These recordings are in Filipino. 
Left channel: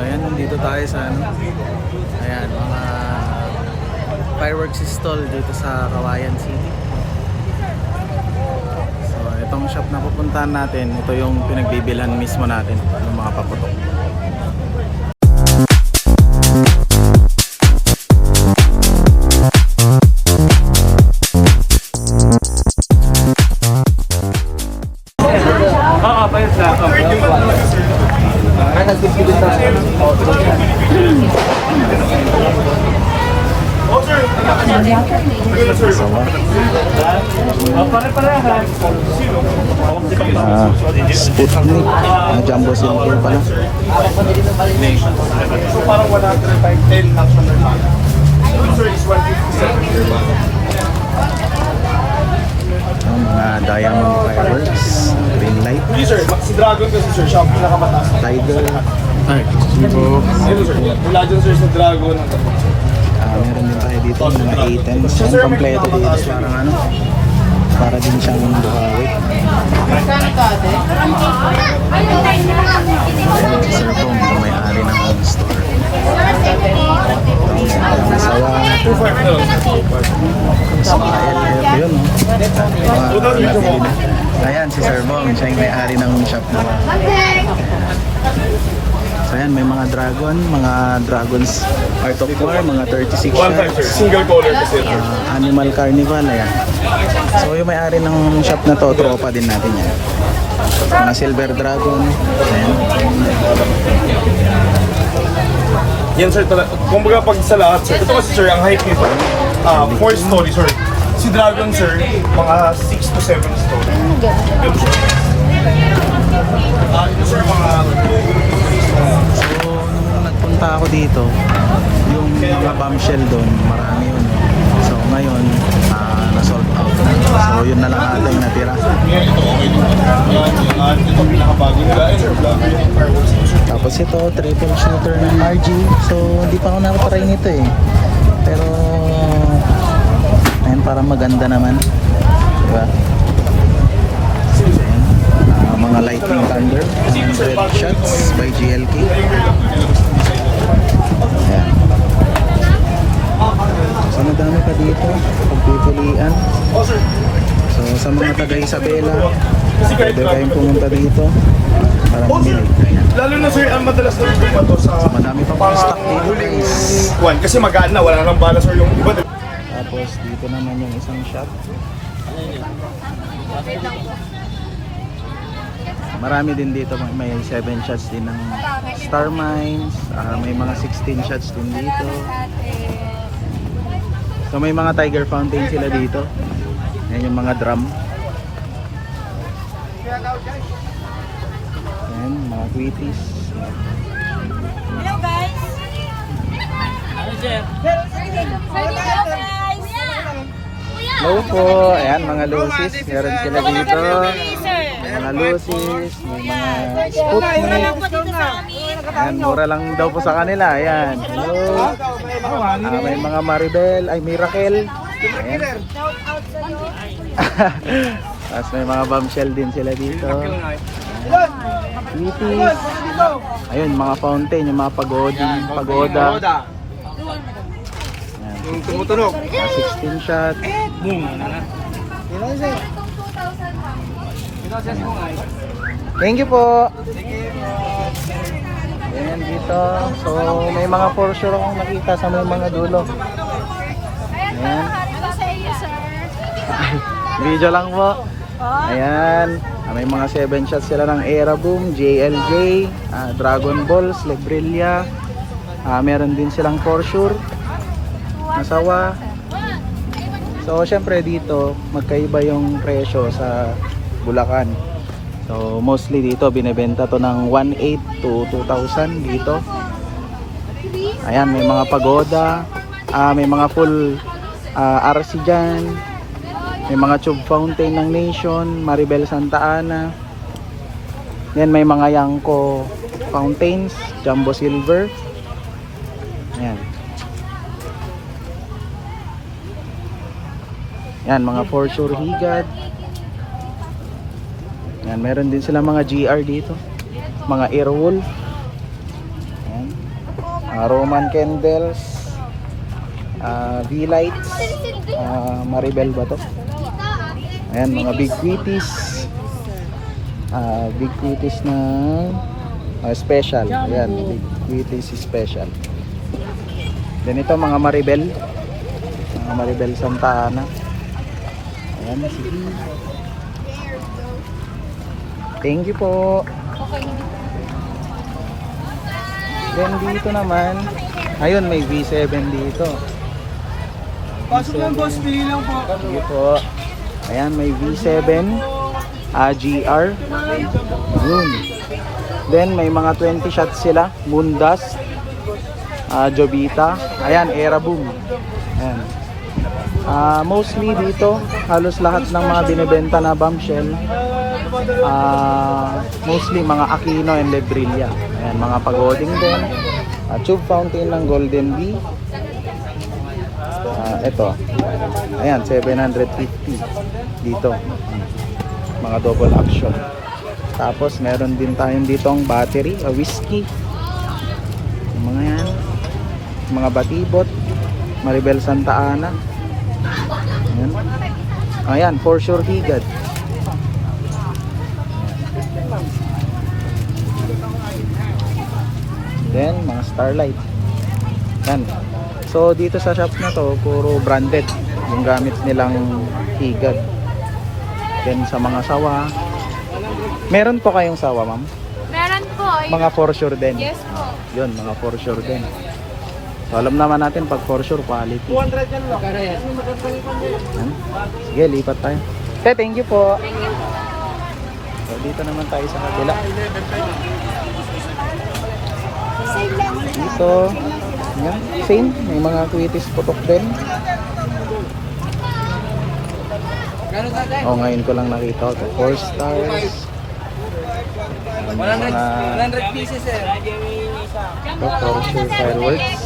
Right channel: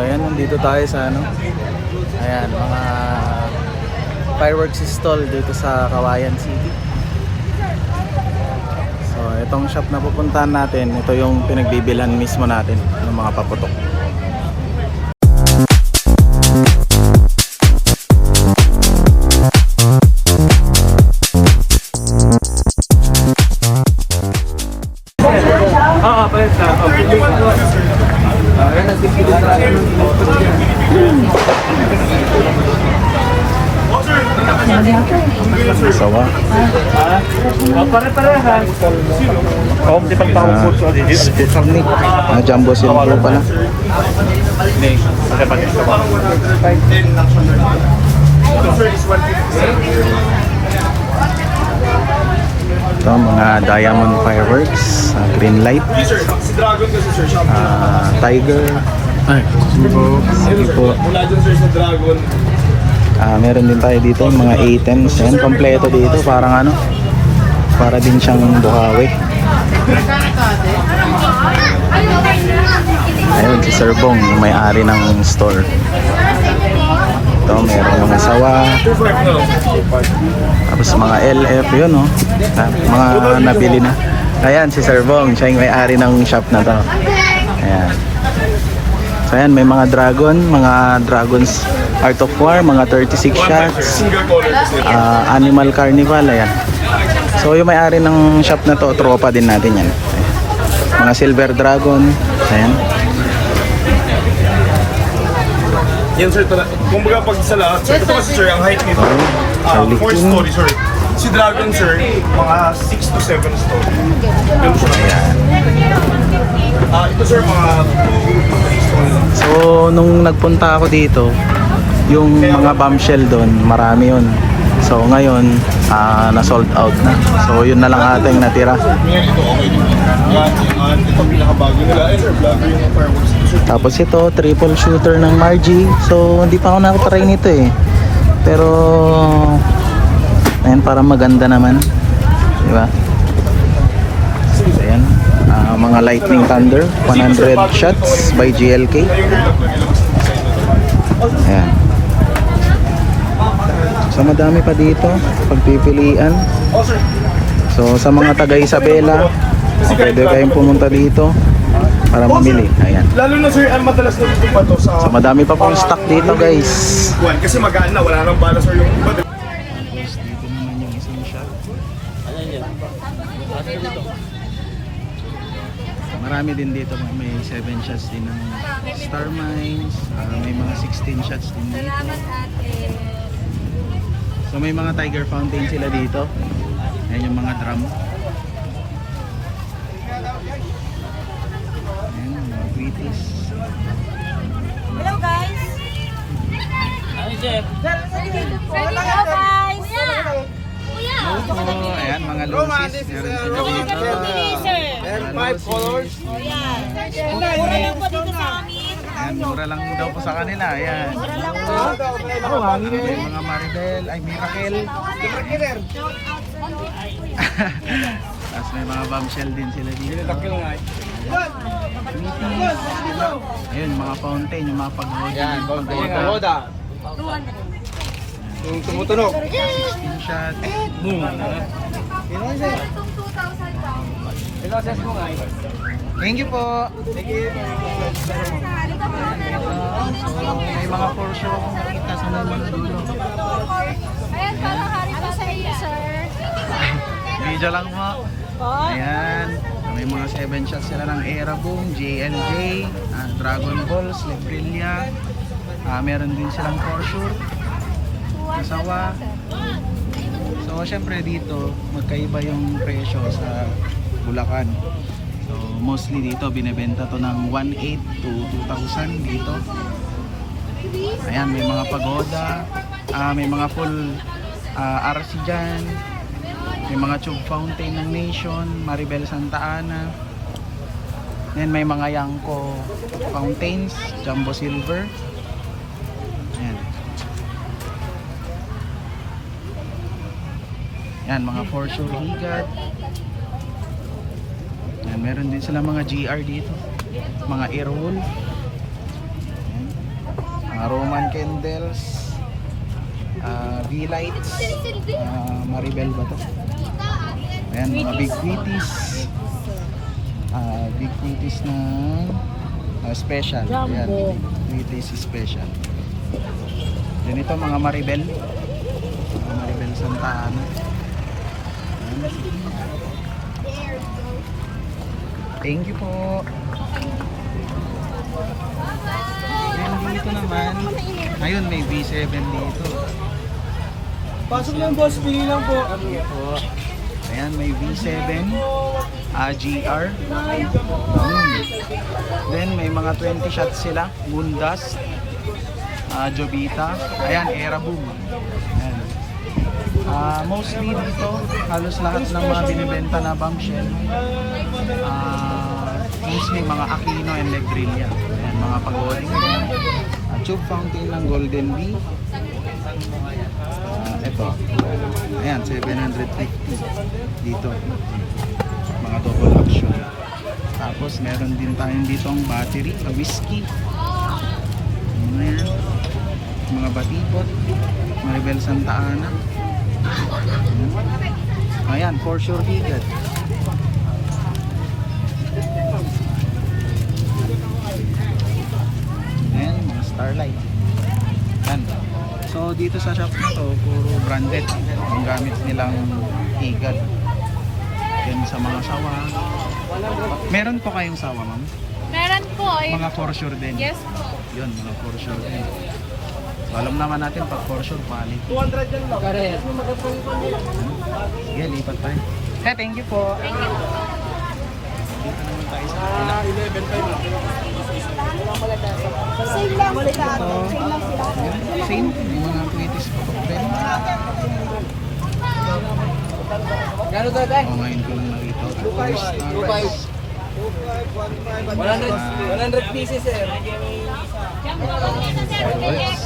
So ayan, nandito tayo sa ano. Ayan, mga fireworks stall dito sa Kawayan City. So itong shop na pupuntahan natin, ito yung pinagbibilhan mismo natin ng mga paputok. Sawa. Sputnik. Jumbo silver pala. Ito mga diamond fireworks, green light, tiger, meron din tayo dito mga items. Yan, kompleto dito, parang ano, para din siyang buhawi. Ayun si Sir Bong, yung may-ari ng store. Ito, meron mga sawa, tapos mga LF, yun no, mga nabili na. Ayan si Sir Bong, siya yung may-ari ng shop na to. Ayan. So ayan, may mga dragons Art of War, mga 36 shots, Animal Carnival, ayan. So yung may-ari ng shop na to, tropa din natin yan. Mga Silver Dragon, ayan. Yan sir, kumbaga pag sa lahat, sir, ito kasi sir, ang height nito, 4 story sir. Si Dragon sir, mga 6 to 7 story. Ito sir, mga... So nung nagpunta ako dito, yung mga bombshell doon, marami yun. So ngayon, na-sold out na. So yun na lang ating natira. Tapos ito, triple shooter ng Margie. So hindi pa ako nakatry nito eh. Pero ayan, parang maganda naman. Diba? So ayan, mga Lightning Thunder, 100 shots by GLK. Ayan. So madami pa dito pagpipilian. So sa mga taga Isabela, pwede kayong pumunta dito para mamili. Ayan. Lalo na sir, ang madalas na dito pa to sa... So madami pa pong stock dito guys. Kasi magaan na, wala nang bala sir yung iba. Tapos dito naman yung isang shot. Marami din dito, may 7 shots din ng Star Mines, may mga 16 shots din dito. So may mga Tiger Fountain sila dito. Ayan yung mga drum. Ayan, mga Wheaties. Hello guys! Hello guys! Hello po! Ayan mga Lucy's. Meron sila dito. Mga Lucy's, mga Sputnik. Ayan, mura lang daw po sa kanila. Ayan. Hello. May mga Maribel, ay Miracle. Ayan. Tapos may mga bombshell din sila dito. Wheaties. Ayun, mga fountain, yung mga pagoda. Yung tumutunog. 16 shots. Boom. Thank you po. Ayan dito. So may mga for sure akong nakita sa may mga dulo. Ayan. Ano sa iyo, sir? Video lang po. Ayan. May mga 7 shots sila ng Era Boom, JLJ, Dragon Balls, Lebrilla. Meron din silang for sure. Masawa. So syempre dito magkaiba yung presyo sa Bulacan. So mostly dito binebenta to ng 1,800 to 2,000 dito. Ayan, may mga pagoda, may mga full RC dyan, may mga tube fountain ng Nation, Maribel Santa Ana. Yan, may mga Yanko fountains, Jumbo Silver. Ayan. Yan, mga for sure higad. Yan, meron din sila mga GR dito. Mga Airwolf. Yan. mga Roman candles, V-lights, Maribel ba to? Ayan, mga big quitties. Big quitties na special. Ayan, big quitties special. Ganito mga Maribel. Mga Maribel Santa Ana. Ayan, sige. Thank you po. Then dito naman, ayun may V7 dito. Pasok lang boss, pili lang po. Sige po. Ayan, may V7 GR. Ayun. Then may mga 20 shots sila, Moondust, Jovita. Ayan, Aeroboom. Ayan. Mostly dito, halos lahat ng mga binibenta na bombshell, mostly mga Aquino and Lebrilla. Ayan, mga pagoding din. Tube fountain ng Golden Bee. Ito. Ayan, 750 dito. Mga double action. Tapos meron din tayong ditong battery, whiskey. Yung mga yan. Mga batibot, Maribel Santa Ana. Ayan. Ayan, for sure higad. Then, mga starlight. Yan. So, dito sa shop na to, puro branded. Yung gamit nilang higad. Then, sa mga sawa. Meron po kayong sawa, ma'am? Meron po. Mga for sure din. Yes po. Yun, mga for sure din. So, alam naman natin pag for sure quality. 200 yan lang. Sige, lipat tayo. Okay, thank you po. So, dito naman tayo sa kapila. Ito, ayan, same. May mga quitties putok din. Oh, ngayon ko lang nakita. 4 stars. 100 pieces eh. For sure fireworks.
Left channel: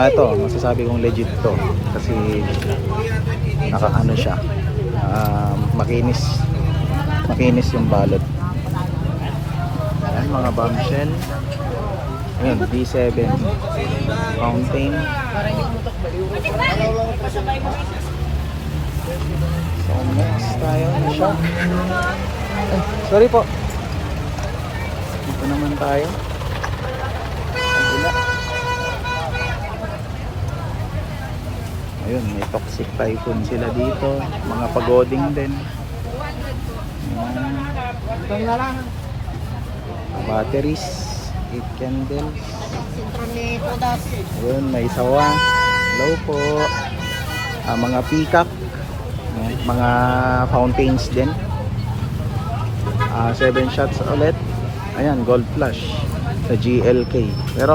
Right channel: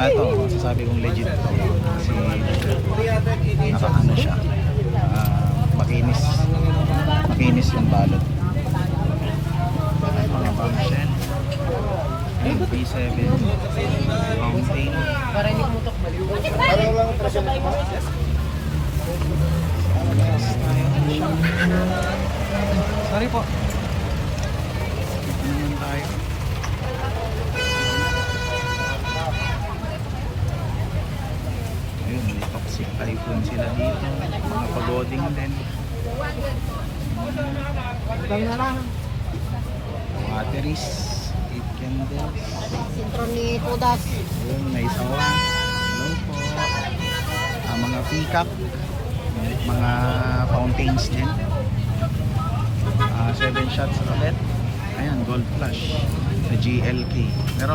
Ito, masasabi kong legit to. Kasi naka-ano siya. Makinis. Makinis yung balot. Ayan, mga bombshell. Ayan, B7 fountain. So, next tayo siya. Sorry po. Ito naman tayo. Ayun, may toxic typhoon sila dito. Mga pagoding din. Batteries, 8 candles. Ayun, may sawa. Hello po. Mga peacock, mga fountains din. 7 shots ulit. Ayan, gold flush sa GLK. Pero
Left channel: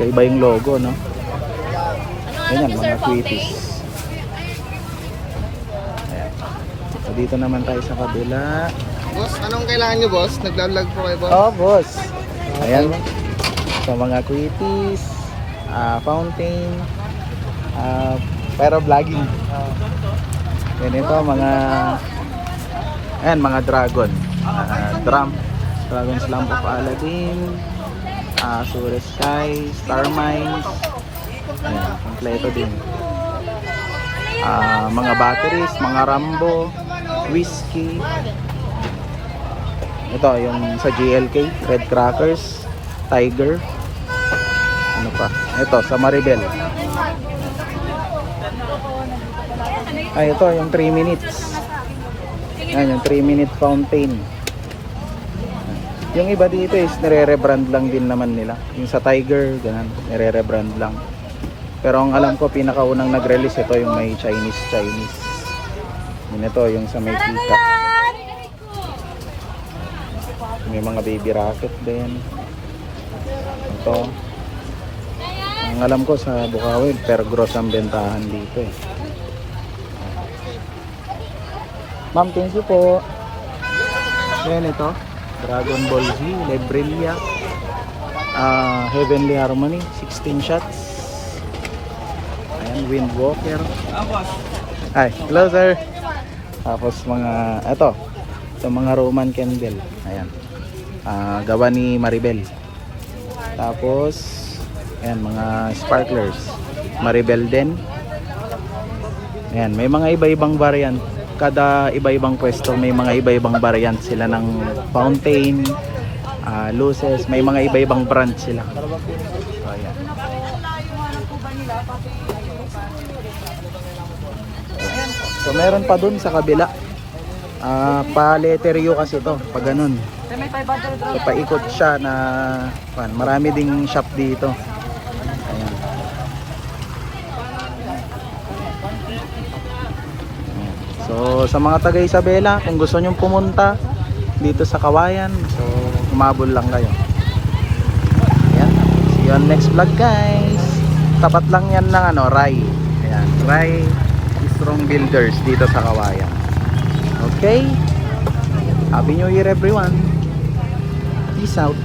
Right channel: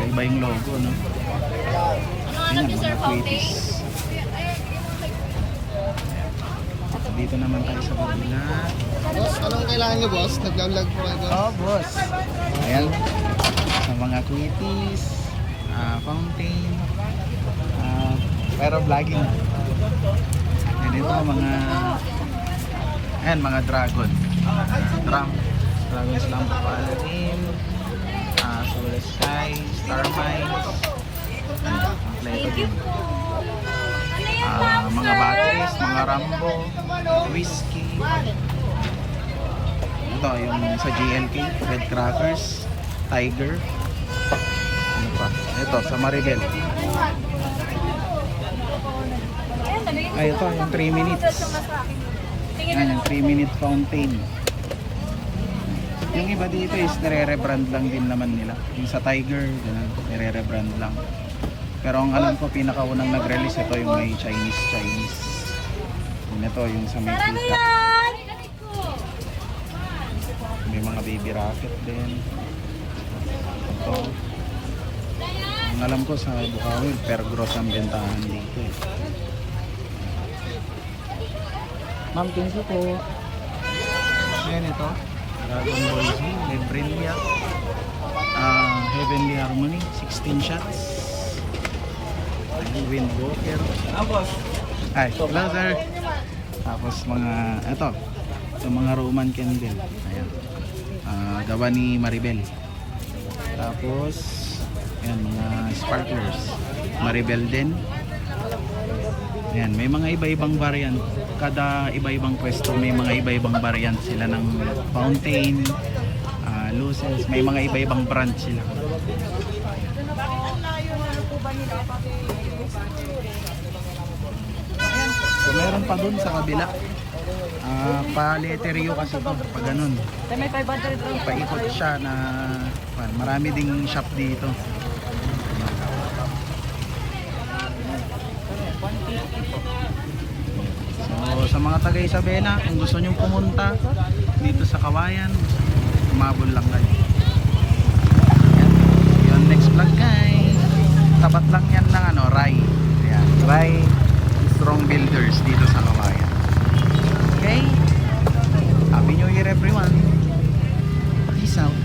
kaiba yung logo, no? Ayan, mga quitties. So, dito naman tayo sa kabila. Boss, anong kailangan nyo, boss? Nagla-vlog po kayo, boss? Oh, boss. Ayan. So, mga quitties, fountain, pero vlogging. Ayan, ito, mga dragon. Drum. Dragon's Lamp of Aladdin, Azure Sky, Star Mines. Ayan, kompleto din. Mga batteries, mga Rambo, whiskey. Ito yung sa GLK, Red Crackers, Tiger. Ano pa? Ito sa Maribel. Ito yung 3 minutes. Ayan yung 3 minute fountain. Yung iba dito is nire-rebrand lang din naman nila. Yung sa Tiger, ganun, nire-rebrand lang. Pero ang alam ko pinakaunang nag-release ito yung may Chinese. Yun ito yung sa may peacock. May mga baby rocket din. Ito. Ang alam ko sa Bukawi, per gross ang bentahan dito eh. Ma'am, thank you po. Ayan ito. Dragon Ball Z, Lebrilla. Heavenly Harmony, 16 shots. Ayan, Windwalker. Hi, hello sir. Tapos mga, ito mga Roman candle. Ayan. Gawa ni Maribel. Tapos, ayan, mga sparklers. Maribel din. Ayan, may mga iba-ibang variant. Kada iba-ibang pwesto, may mga iba-ibang variant sila ng fountain, luces, may mga iba-ibang brand sila. Ayan. So meron pa dun sa kabila. Pa-letteryo kasi to, pag ganun. So paikot siya na marami ding shop dito. Ayan. So sa mga taga Isabela, kung gusto nyong pumunta dito sa Kawayan, so umabol lang kayo. Ayan. See you on next vlog guys. Tapat lang yan ng Rai. Ayan, Rai Strong Builders dito sa Kawayan. Okay? Happy New Year everyone. Peace out.